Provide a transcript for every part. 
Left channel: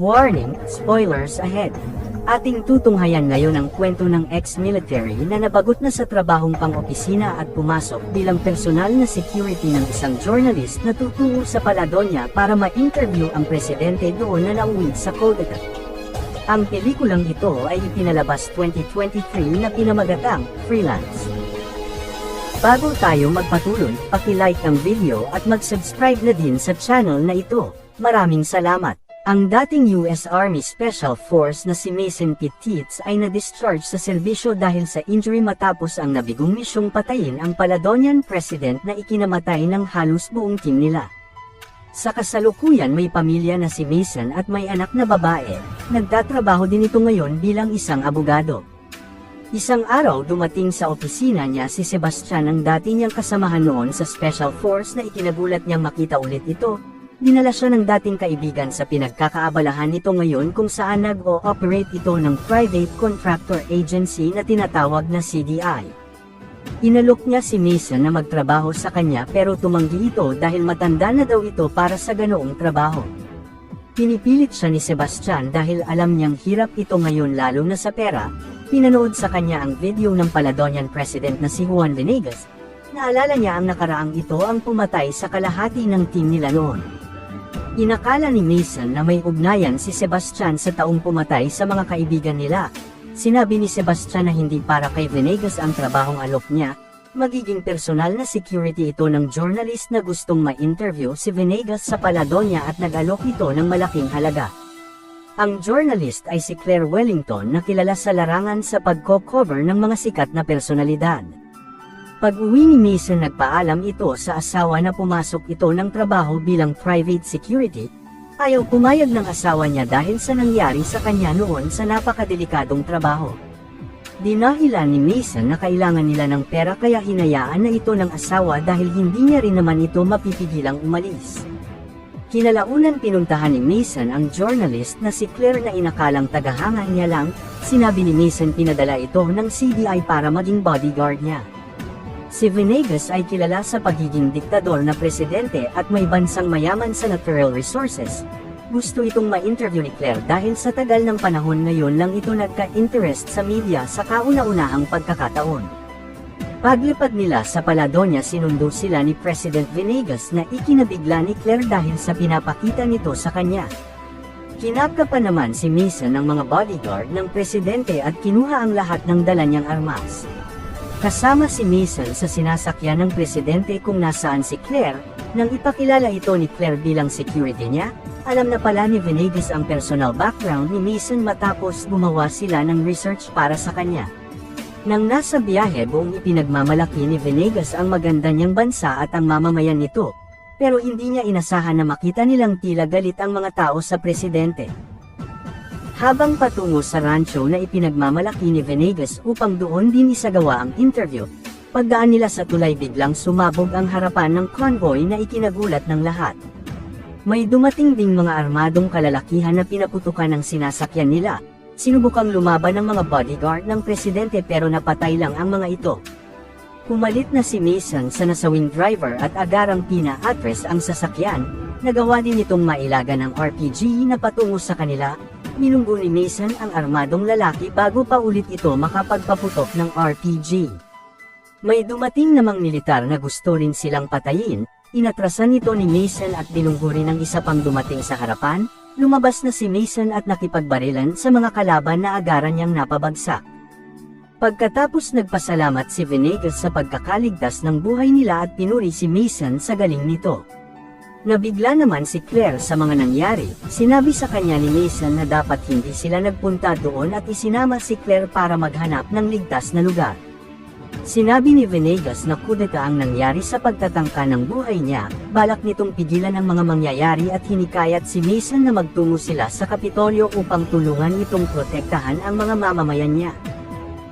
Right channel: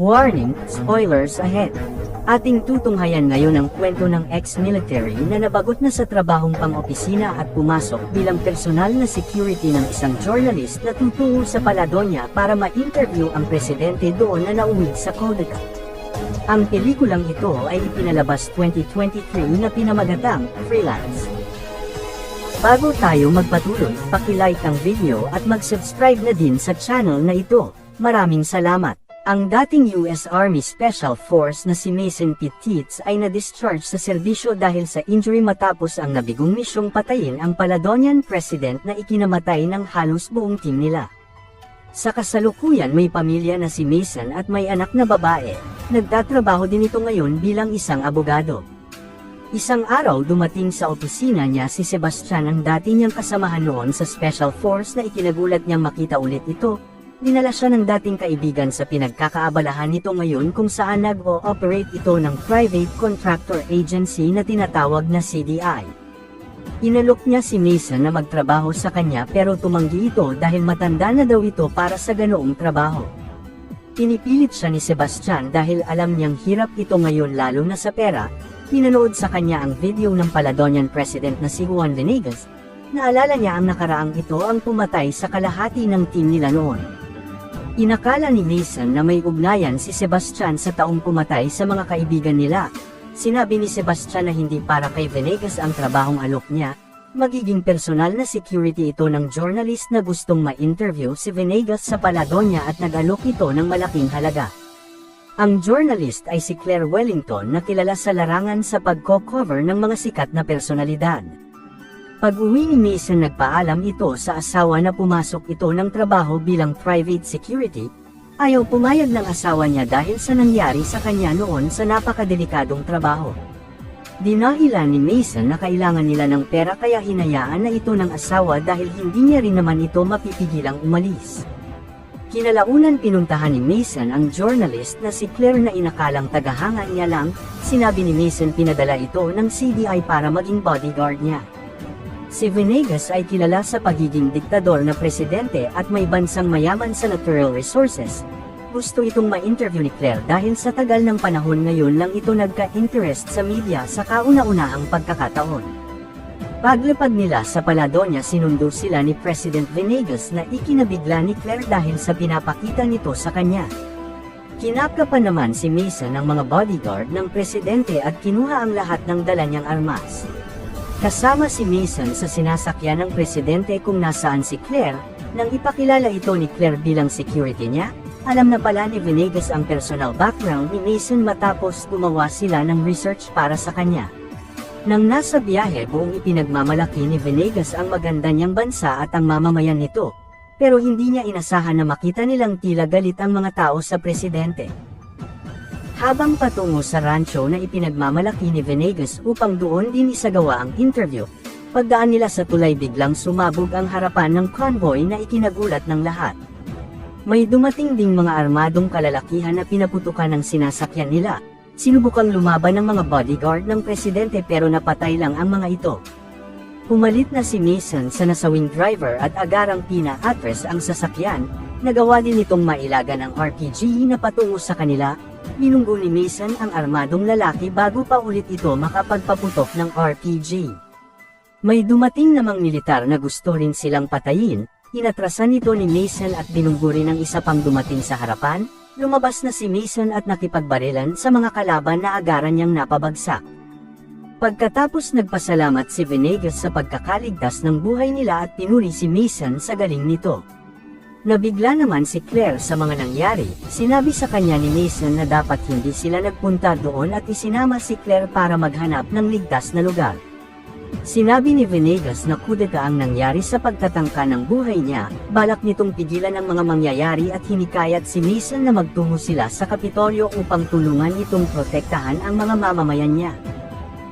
Warning, spoilers ahead. Ating tutunghayan ngayon ang kwento ng ex-military na nabagot na sa trabahong pang-opisina at pumasok bilang personal na security ng isang journalist na tutungo sa Paladonia para ma-interview ang presidente doon na nauwi sa Codita. Ang pelikulang ito ay ipinalabas 2023 na pinamagatang Freelance. Bago tayo magpatuloy, paki-like ang video at mag-subscribe na din sa channel na ito. Maraming salamat. Ang dating US Army Special Force na si Mason Petitz ay na-discharge sa serbisyo dahil sa injury matapos ang nabigong misyong patayin ang Paladonian President na ikinamatay ng halos buong team nila. Sa kasalukuyan may pamilya na si Mason at may anak na babae, nagtatrabaho din ito ngayon bilang isang abogado. Isang araw dumating sa opisina niya si Sebastian, ang dati niyang kasamahan noon sa Special Force na ikinagulat niyang makita ulit ito. Dinala siya ng dating kaibigan sa pinagkakaabalahan nito ngayon kung saan nag-o-operate ito ng private contractor agency na tinatawag na CDI. Inalok niya si Mason na magtrabaho sa kanya pero tumanggi ito dahil matanda na daw ito para sa ganoong trabaho. Pinipilit siya ni Sebastian dahil alam niyang hirap ito ngayon lalo na sa pera. Pinanood sa kanya ang video ng Paladonian President na si Juan Venegas. Naalala niya ang nakaraang ito ang pumatay sa kalahati ng team nila noon. Inakala ni Mason na may ugnayan si Sebastian sa taong pumatay sa mga kaibigan nila. Sinabi ni Sebastian na hindi para kay Venegas ang trabahong alok niya, magiging personal na security ito ng journalist na gustong ma-interview si Venegas sa Paladonia at nag-alok ito ng malaking halaga. Ang journalist ay si Claire Wellington na kilala sa larangan sa pagko-cover ng mga sikat na personalidad. Pag-uwi ni Mason nagpaalam ito sa asawa na pumasok ito ng trabaho bilang private security. Ayaw pumayag ng asawa niya dahil sa nangyari sa kanya noon sa napakadelikadong trabaho. Dinahilan ni Mason na kailangan nila ng pera kaya hinayaan na ito ng asawa dahil hindi niya rin naman ito mapipigilang umalis. Kinalaunan pinuntahan ni Mason ang journalist na si Claire na inakalang tagahanga niya lang. Sinabi ni Mason pinadala ito ng CDI para maging bodyguard niya. Si Venegas ay kilala sa pagiging diktador na presidente at may bansang mayaman sa natural resources. Gusto itong ma-interview ni Claire dahil sa tagal ng panahon ngayon lang ito nagka-interest sa media sa kauna-unahang pagkakataon. Paglipad nila sa Paladonia sinundo sila ni President Venegas na ikinabigla ni Claire dahil sa pinapakita nito sa kanya. Kinapka pa naman si Mason ng mga bodyguard ng presidente at kinuha ang lahat ng dala niyang armas. Kasama si Mason sa sinasakyan ng presidente kung nasaan si Claire. Nang ipakilala ito ni Claire bilang security niya, alam na pala ni Venegas ang personal background ni Mason matapos gumawa sila ng research para sa kanya. Nang nasa biyahe buong ipinagmamalaki ni Venegas ang maganda niyang bansa at ang mamamayan nito, pero hindi niya inasahan na makita nilang tila galit ang mga tao sa presidente. Habang patungo sa rancho na ipinagmamalaki ni Venegas upang doon din isagawa ang interview, pagdaan nila sa tulay biglang sumabog ang harapan ng convoy na ikinagulat ng lahat. May dumating ding mga armadong kalalakihan na pinaputukan ang sinasakyan nila. Sinubukang lumaban ng mga bodyguard ng presidente pero napatay lang ang mga ito. Pumalit na si Mason sa nasawing driver at agarang pina-address ang sasakyan. Nagawa din itong mailaga ng RPG na patungo sa kanila. Minunggo ni Mason ang armadong lalaki bago pa ulit ito makapagpaputok ng RPG. May dumating namang militar na gusto rin silang patayin. Inatrasan ito ni Mason at binunggo rin ang isa pang dumating sa harapan. Lumabas na si Mason at nakipagbarilan sa mga kalaban na agaran niyang napabagsak. Pagkatapos nagpasalamat si Venegas sa pagkakaligtas ng buhay nila at pinuri si Mason sa galing nito. Nabigla naman si Claire sa mga nangyari. Sinabi sa kanya ni Mason na dapat hindi sila nagpunta doon at isinama si Claire para maghanap ng ligtas na lugar. Sinabi ni Venegas na kudeta ang nangyari sa pagtatangka ng buhay niya, balak nitong pigilan ang mga mangyayari at hinikayat si Mason na magtungo sila sa Kapitolyo upang tulungan nitong protektahan ang mga mamamayan niya.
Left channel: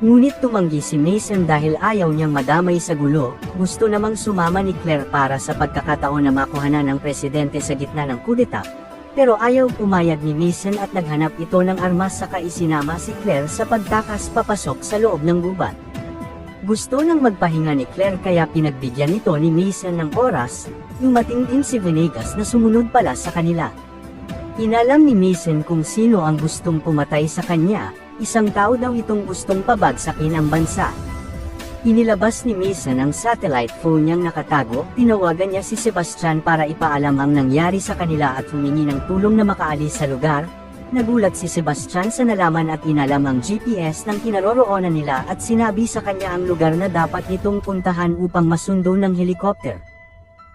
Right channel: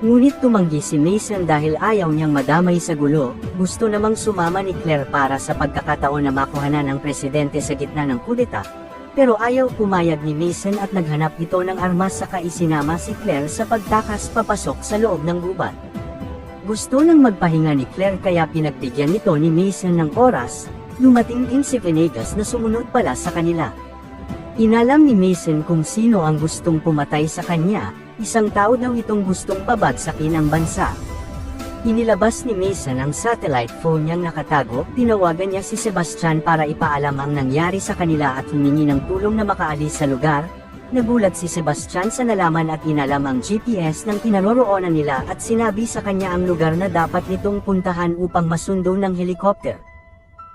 Ngunit tumanggi si Mason dahil ayaw niyang madamay sa gulo. Gusto namang sumama ni Claire para sa pagkakataon na makuhanan ng presidente sa gitna ng kudeta, pero ayaw pumayag ni Mason at naghanap ito ng armas saka isinama si Claire sa pagtakas papasok sa loob ng gubat. Gusto nang magpahinga ni Claire kaya pinagbigyan nito ni Mason ng oras. Dumating din si Venegas na sumunod pala sa kanila. Inalam ni Mason kung sino ang gustong pumatay sa kanya, isang tao daw itong gustong pabagsakin ang bansa. Inilabas ni Mason ang satellite phone niyang nakatago, tinawagan niya si Sebastian para ipaalam ang nangyari sa kanila at humingi ng tulong na makaalis sa lugar. Nagulat si Sebastian sa nalaman at inalam ang GPS ng kinaroroonan nila at sinabi sa kanya ang lugar na dapat nitong puntahan upang masundo ng helicopter.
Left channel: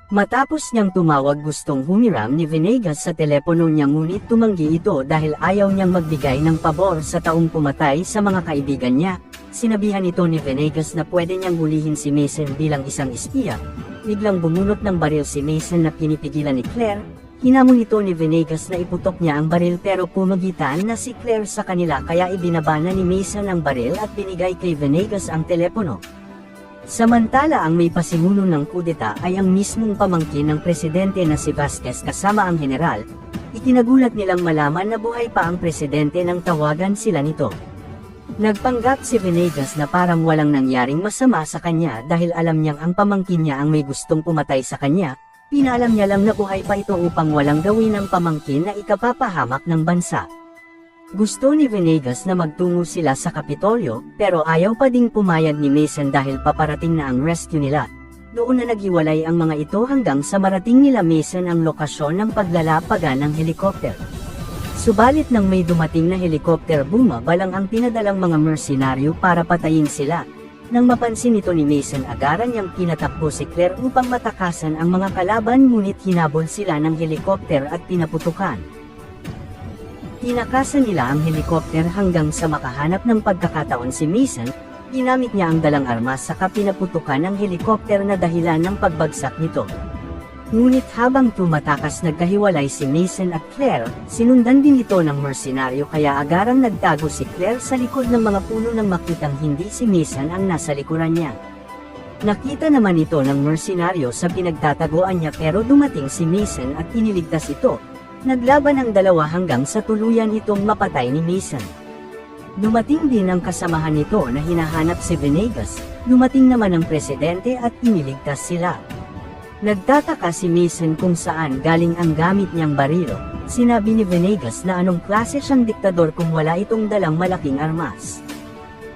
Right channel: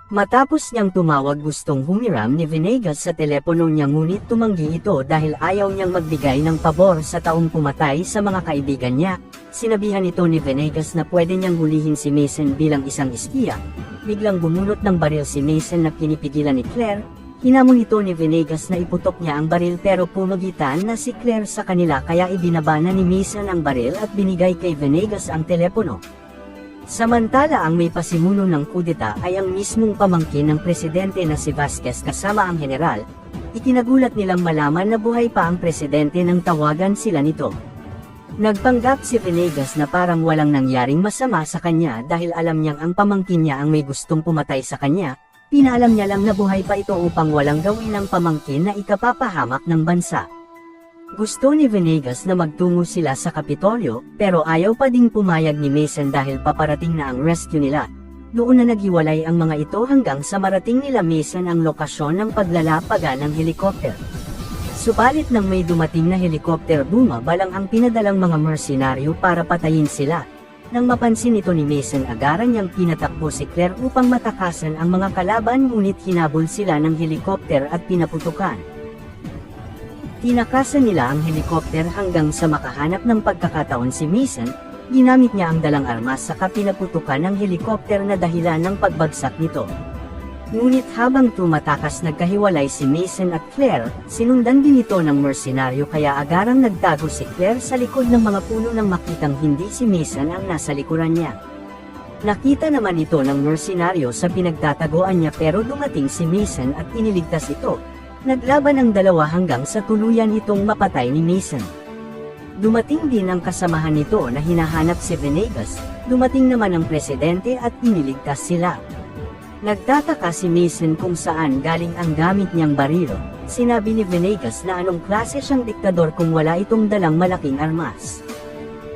Matapos niyang tumawag gustong humiram ni Venegas sa telepono niya ngunit tumanggi ito dahil ayaw niyang magbigay ng pabor sa taong pumatay sa mga kaibigan niya. Sinabihan ito ni Venegas na pwede niyang hulihin si Mason bilang isang espiya. Biglang bumunot ng baril si Mason na pinipigilan ni Claire. Hinamon ito ni Venegas na iputok niya ang baril pero pumagitan na si Claire sa kanila kaya ibinaba na ni Mason ang baril at binigay kay Venegas ang telepono. Samantala ang may pasimuno ng kudeta ay ang mismong pamangkin ng presidente na si Vasquez kasama ang general. Ikinagulat nilang malaman na buhay pa ang presidente nang tawagan sila nito. Nagpanggap si Venegas na parang walang nangyaring masama sa kanya dahil alam niyang ang pamangkin niya ang may gustong pumatay sa kanya. Pinaalam niya lang na buhay pa ito upang walang gawin ng pamangkin na ikapapahamak ng bansa. Gusto ni Venegas na magtungo sila sa Kapitolyo, pero ayaw pa ding pumayag ni Mason dahil paparating na ang rescue nila. Doon na naghiwalay ang mga ito hanggang sa marating nila Mason ang lokasyon ng paglalapagan ng helicopter. Subalit nang may dumating na helicopter bumaba lang ang pinadalang mga mersenaryo para patayin sila. Nang mapansin ito ni Mason agaran niyang pinatakbo si Claire upang matakasan ang mga kalaban ngunit hinabol sila ng helicopter at pinaputukan. Tinakasan nila ang helicopter hanggang sa makahanap ng pagkakataon si Mason, ginamit niya ang dalang armas saka pinaputukan ang helicopter na dahilan ng pagbagsak nito. Ngunit habang tumatakas nagkahiwalay si Mason at Claire, sinundan din ito ng mersenaryo kaya agarang nagtago si Claire sa likod ng mga puno nang makitang hindi si Mason ang nasa likuran niya. Nakita naman ito ng mersenaryo sa pinagtataguan niya pero dumating si Mason at iniligtas ito. Naglaban ang dalawa hanggang sa tuluyan itong mapatay ni Mason. Dumating din ang kasamahan nito na hinahanap si Venegas, dumating naman ang presidente at iniligtas sila. Nagtataka si Mason kung saan galing ang gamit niyang baril. Sinabi ni Venegas na anong klase siyang diktador kung wala itong dalang malaking armas.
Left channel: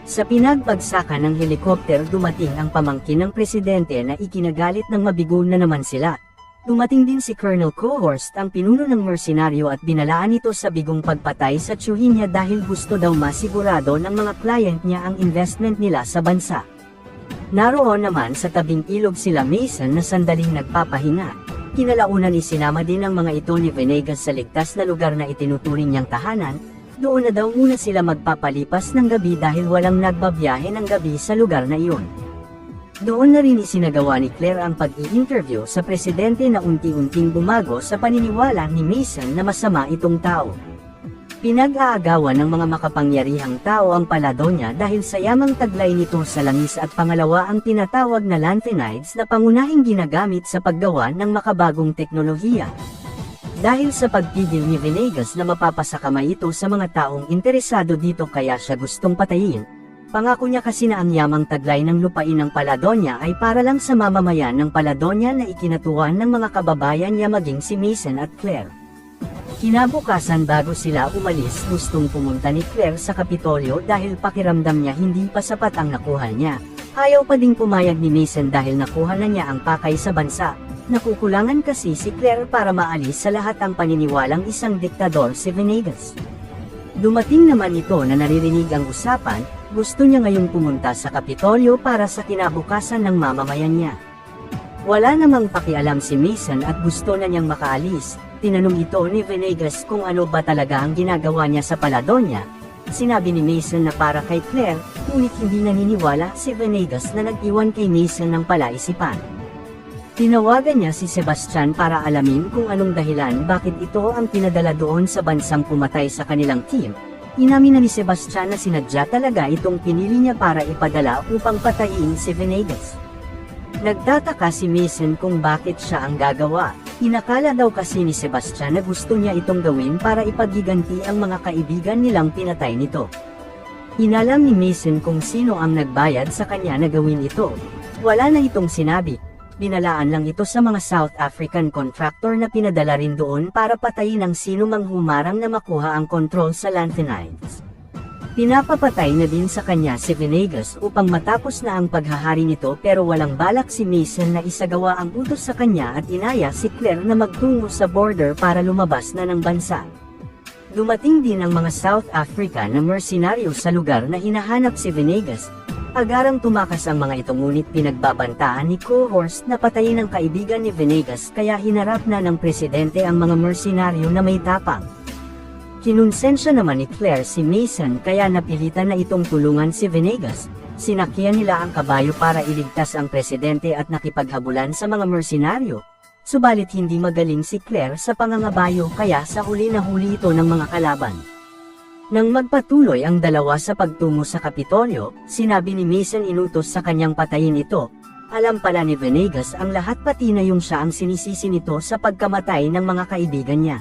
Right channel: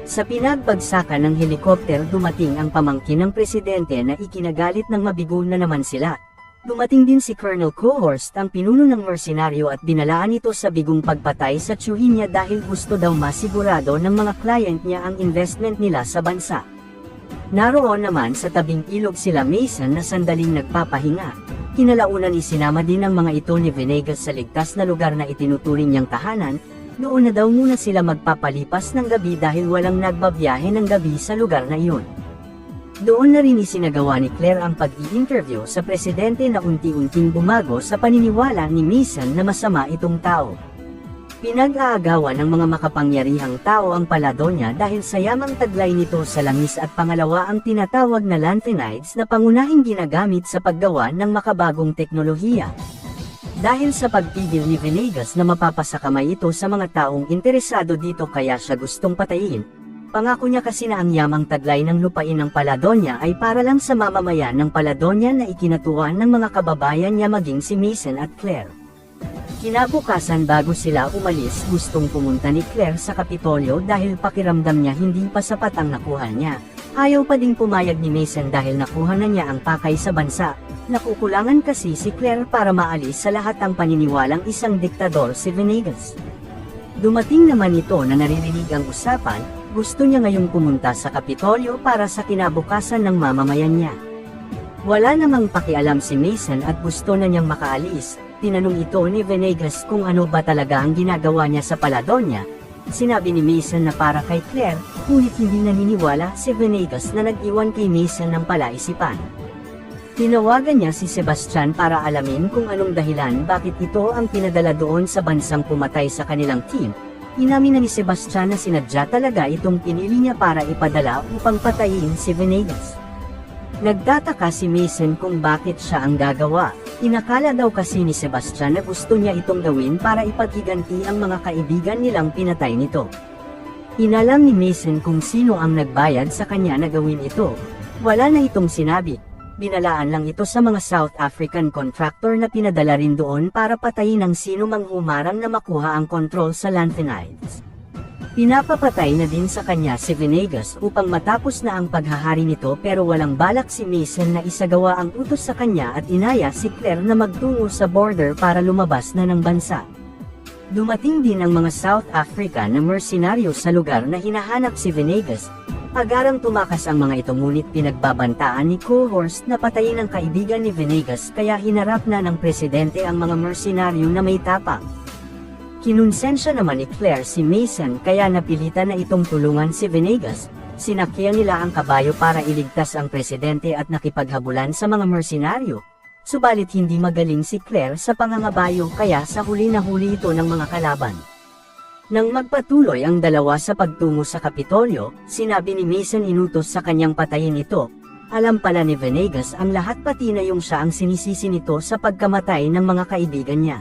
Sa pinagbagsakan ng helikopter dumating ang pamangkin ng presidente na ikinagalit ng mabigo na naman sila. Dumating din si Colonel Cohorst ang pinuno ng mersenaryo at binalaan ito sa bigong pagpatay sa tiyuhin niya dahil gusto daw masigurado ng mga client niya ang investment nila sa bansa. Naroon naman sa tabing ilog sila Mason na sandaling nagpapahinga. Kinalaunan isinama din ng mga ito ni Venegas sa ligtas na lugar na itinuturing niyang tahanan. Doon na daw muna sila magpapalipas ng gabi dahil walang nagbabiyahe ng gabi sa lugar na iyon. Doon na rin isinagawa ni Claire ang pag-i-interview sa presidente na unti-unting bumago sa paniniwala ni Mason na masama itong tao. Pinag-aagawan ng mga makapangyarihang tao ang Paladonia dahil sa yamang taglay nito sa langis at pangalawa ang tinatawag na lanthanides na pangunahing ginagamit sa paggawa ng makabagong teknolohiya. Dahil sa pagpigil ni Venegas na mapapasakamay ito sa mga taong interesado dito kaya siya gustong patayin. Pangako niya kasi na ang yamang taglay ng lupain ng Paladonia ay para lang sa mamamayan ng Paladonia na ikinatuwa ng mga kababayan niya maging si Mason at Claire. Kinabukasan bago sila umalis gustong pumunta ni Claire sa Kapitolyo dahil pakiramdam niya hindi pa sapat ang nakuha niya. Ayaw pa ding pumayag ni Mason dahil nakuha na niya ang pakay sa bansa. Nakukulangan kasi si Claire para maalis sa lahat ang paniniwalang isang diktador si Venegas. Dumating naman ito na naririnig ang usapan. Gusto niya ngayong pumunta sa Kapitolyo para sa kinabukasan ng mamamayan niya. Wala namang pakialam si Mason at gusto na niyang makaalis. Tinanong ito ni Venegas kung ano ba talaga ang ginagawa niya sa Paladonia. Sinabi ni Mason na para kay Claire, ngunit hindi naniniwala si Venegas na nag-iwan kay Mason ng palaisipan. Tinawagan niya si Sebastian para alamin kung anong dahilan bakit ito ang pinadala doon sa bansang pumatay sa kanilang team. Inamin na ni Sebastian na sinadya talaga itong pinili niya para ipadala upang patayin si Venegas. Nagtataka si Mason kung bakit siya ang gagawa. Inakala daw kasi ni Sebastian na gusto niya itong gawin para ipagiganti ang mga kaibigan nilang pinatay nito. Inalam ni Mason kung sino ang nagbayad sa kanya na gawin ito. Wala na itong sinabi. binalaan lang ito sa mga South African contractor na pinadala rin doon para patayin ang sino mang humarang na makuha ang kontrol sa lanthanides. Pinapapatay na din sa kanya si Venegas upang matapos na ang paghahari nito pero walang balak si Mason na isagawa ang utos sa kanya at inaya si Claire na magtungo sa border para lumabas na ng bansa. Dumating din ang mga South Africa na mersenaryo sa lugar na hinahanap si Venegas. Agarang tumakas ang mga ito ngunit pinagbabantaan ni Cohorst na patayin ang kaibigan ni Venegas kaya hinarap na ng presidente ang mga mersenaryo na may tapang. Kinonsensya naman ni Claire si Mason kaya napilitan na itong tulungan si Venegas. Sinakyan nila ang kabayo para iligtas ang presidente at nakipaghabulan sa mga mersenaryo. Subalit hindi magaling si Claire sa pangangabayo kaya sa huli na huli ito ng mga kalaban. Nang magpatuloy ang dalawa sa pagtungo sa Kapitolyo, sinabi ni Mason inutos sa kanyang patayin ito. Alam pala ni Venegas ang lahat pati na yung siya ang sinisisi nito sa pagkamatay ng mga kaibigan niya.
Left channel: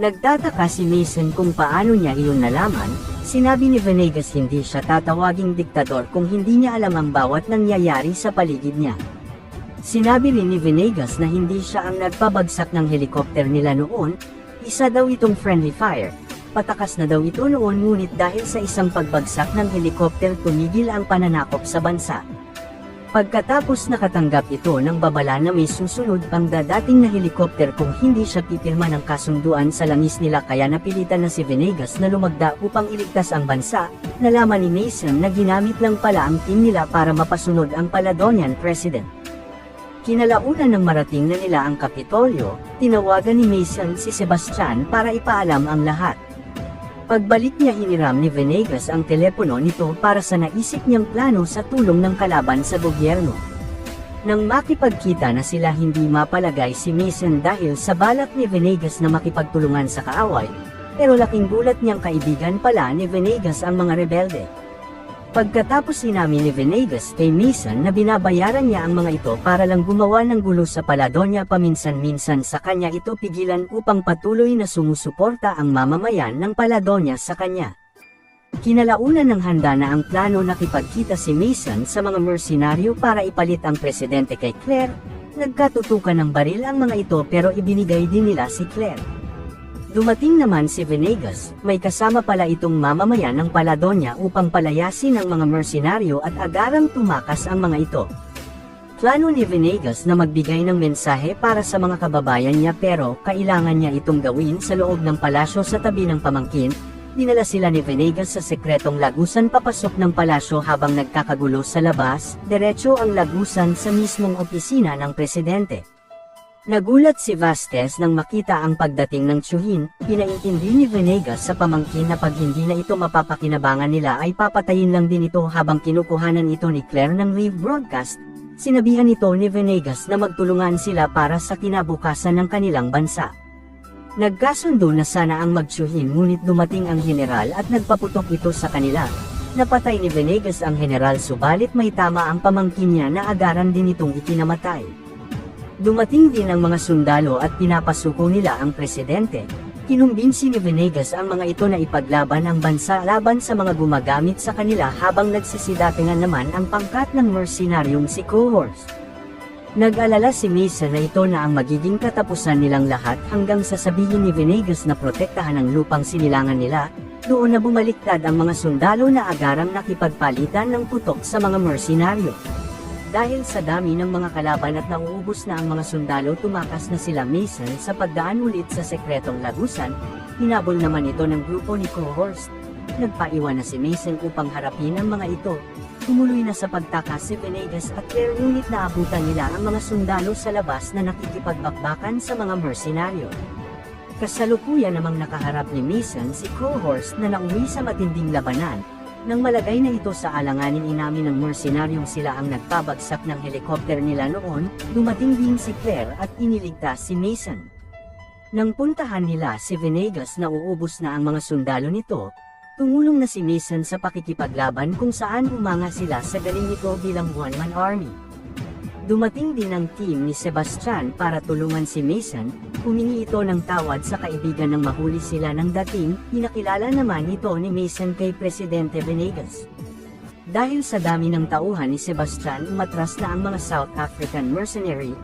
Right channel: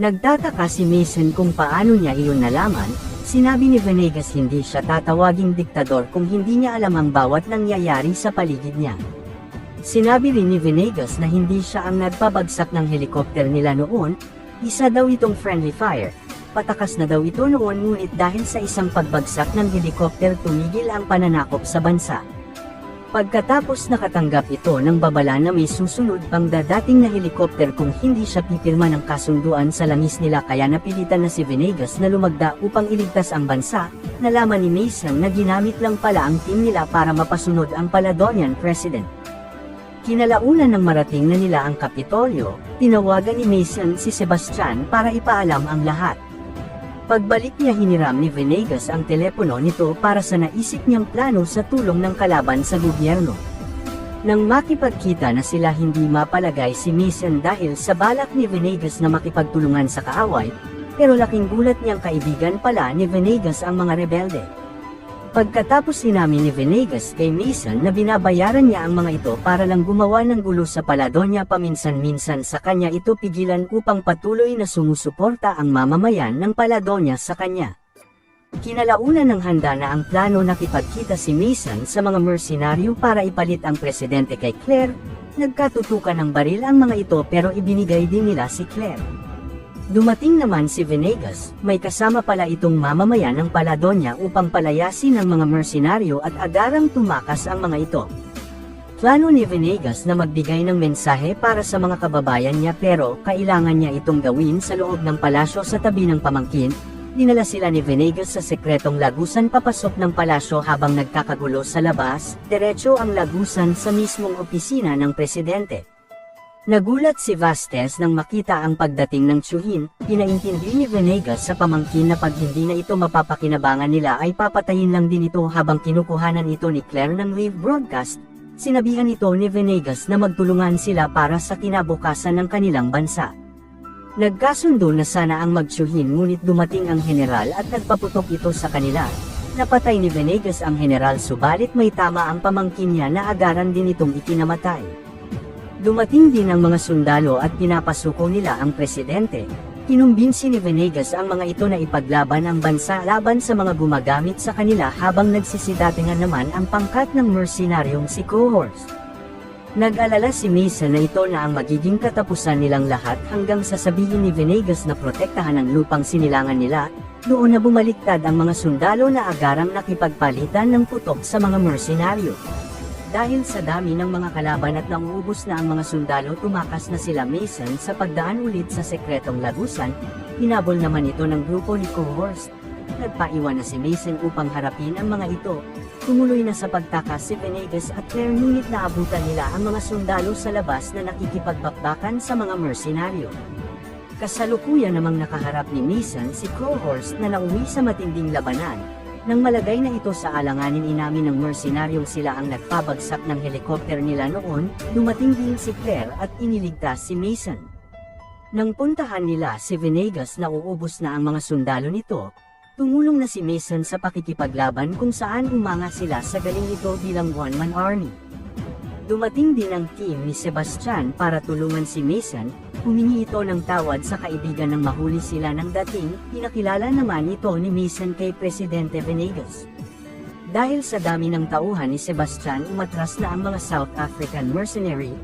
Nagtataka si Mason kung paano niya iyon nalaman. Sinabi ni Venegas hindi siya tatawaging diktador kung hindi niya alam ang bawat nangyayari sa paligid niya. Sinabi rin ni Venegas na hindi siya ang nagpabagsak ng helikopter nila noon, isa daw itong friendly fire. Patakas na daw ito noon ngunit dahil sa isang pagbagsak ng helikopter tumigil ang pananakop sa bansa. Pagkatapos nakatanggap ito ng babala na may susunod pang dadating na helikopter kung hindi siya pipirma ng kasunduan sa langis nila kaya napilitan na si Venegas na lumagda upang iligtas ang bansa, nalaman ni Mason na ginamit lang pala ang team nila para mapasunod ang Paladonian President. Kinalaunan ng marating na nila ang Kapitolyo, tinawagan ni Mason si Sebastian para ipaalam ang lahat. Pagbalik niya hiniram ni Venegas ang telepono nito para sa naisip niyang plano sa tulong ng kalaban sa gobyerno. Nang makipagkita na sila hindi mapalagay si Mason dahil sa balak ni Venegas na makipagtulungan sa kaaway, pero laking gulat niyang kaibigan pala ni Venegas ang mga rebelde. Pagkatapos sinabi ni Venegas kay Mason na binabayaran niya ang mga ito para lang gumawa ng gulo sa Paladonia paminsan-minsan sa kanya ito pigilan upang patuloy na sumusuporta ang mamamayan ng Paladonia sa kanya. Kinalaunan ng handa na ang plano na kipagkita si Mason sa mga mersenaryo para ipalit ang presidente kay Claire, nagkatutukan ng baril ang mga ito pero ibinigay din nila si Claire. Dumating naman si Venegas, may kasama pala itong mamamayan ng Paladonia upang palayasin ang mga mersenaryo at agarang tumakas ang mga ito. Plano ni Venegas na magbigay ng mensahe para sa mga kababayan niya pero kailangan niya itong gawin sa loob ng palasyo sa tabi ng pamangkin. Dinala sila ni Venegas sa sekretong lagusan papasok ng palasyo habang nagkakagulo sa labas, diretso ang lagusan sa mismong opisina ng presidente. Nagulat si Vasquez nang makita ang pagdating ng tiyuhin, pinaintindi ni Venegas sa pamangkin na pag hindi na ito mapapakinabangan nila ay papatayin lang din ito habang kinukuhanan ito ni Claire ng live broadcast. Sinabihan ito ni Venegas na magtulungan sila para sa kinabukasan ng kanilang bansa. Nagkasundo na sana ang magtiyuhin ngunit dumating ang general at nagpaputok ito sa kanila. Napatay ni Venegas ang general subalit may tama ang pamangkin niya na agaran din itong ikinamatay. Dumating din ang mga sundalo at pinapasuko nila ang presidente. Kinumbinsi ni Venegas ang mga ito na ipaglaban ang bansa laban sa mga gumagamit sa kanila habang nagsisidatingan naman ang pangkat ng mersenaryong si Cohorst. Nag-alala si Mason na ito na ang magiging katapusan nilang lahat hanggang sasabihin ni Venegas na protektahan ang lupang sinilangan nila, doon na bumaliktad ang mga sundalo na agarang nakipagpalitan ng putok sa mga mersenaryo. Dahil sa dami ng mga kalaban at nauubos na ang mga sundalo tumakas na sila Mason sa pagdaan ulit sa sekretong lagusan, hinabol naman ito ng grupo ni Cohorst. Nagpaiwan na si Mason upang harapin ang mga ito. Tumuloy na sa pagtakas si Venegas at Claire ngunit naabutan nila ang mga sundalo sa labas na nakikipagbakbakan sa mga mersenaryo. Kasalukuyan namang nakaharap ni Mason si Cohorst na nauwi sa matinding labanan. Nang malagay na ito sa alanganin inamin ng mersenaryong sila ang nagpabagsak ng helikopter nila noon, dumating din si Claire at iniligtas si Mason. Nang puntahan nila si Venegas na uubos na ang mga sundalo nito, tumulong na si Mason sa pakikipaglaban kung saan umanga sila sa galing nito bilang one-man army. Dumating din ang team ni Sebastian para tulungan si Mason, humingi ito ng tawad sa kaibigan ng mahuli sila ng dating, pinakilala naman ito ni Mason kay Presidente Venegas. Dahil sa dami ng tauhan ni Sebastian, umatras na ang mga South African mercenary.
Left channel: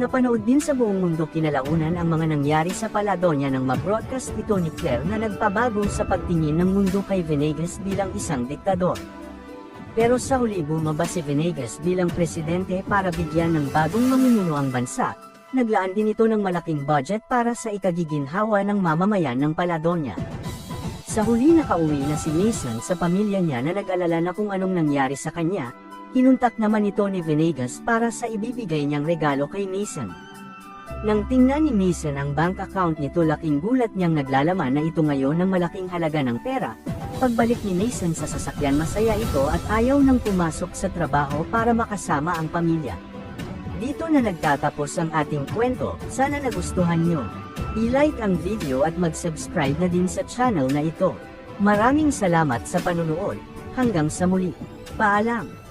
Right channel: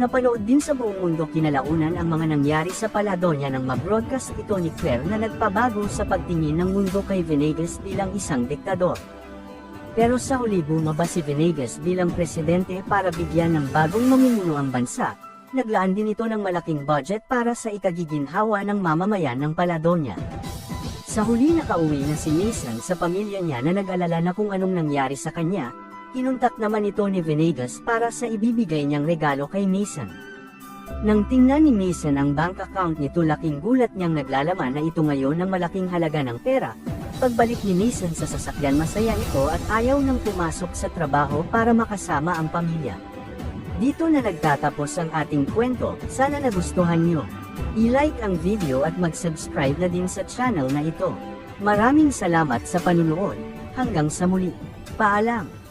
Napanood din sa buong mundo kinalaunan ang mga nangyari sa Paladonia nang ma-broadcast ito ni Claire na nagpabago sa pagtingin ng mundo kay Venegas bilang isang diktador. Pero sa uli bumaba si Venegas bilang presidente para bigyan ng bagong mamumuno ang bansa. Naglaan din ito ng malaking budget para sa ikagiginhawa ng mamamayan ng Paladonia. Sa huli nakauwi na si Mason sa pamilya niya na nag-alala na kung anong nangyari sa kanya. Kinuntak naman ito ni Venegas para sa ibibigay niyang regalo kay Mason. Nang tingnan ni Mason ang bank account nito, laking gulat niyang naglalaman na ito ngayon ng malaking halaga ng pera. Pagbalik ni Mason sa sasakyan, masaya ito at ayaw nang pumasok sa trabaho para makasama ang pamilya. Dito na nagtatapos ang ating kwento. Sana nagustuhan nyo. I-like ang video at mag-subscribe na din sa channel na ito. Maraming salamat sa panunood. Hanggang sa muli. Paalam!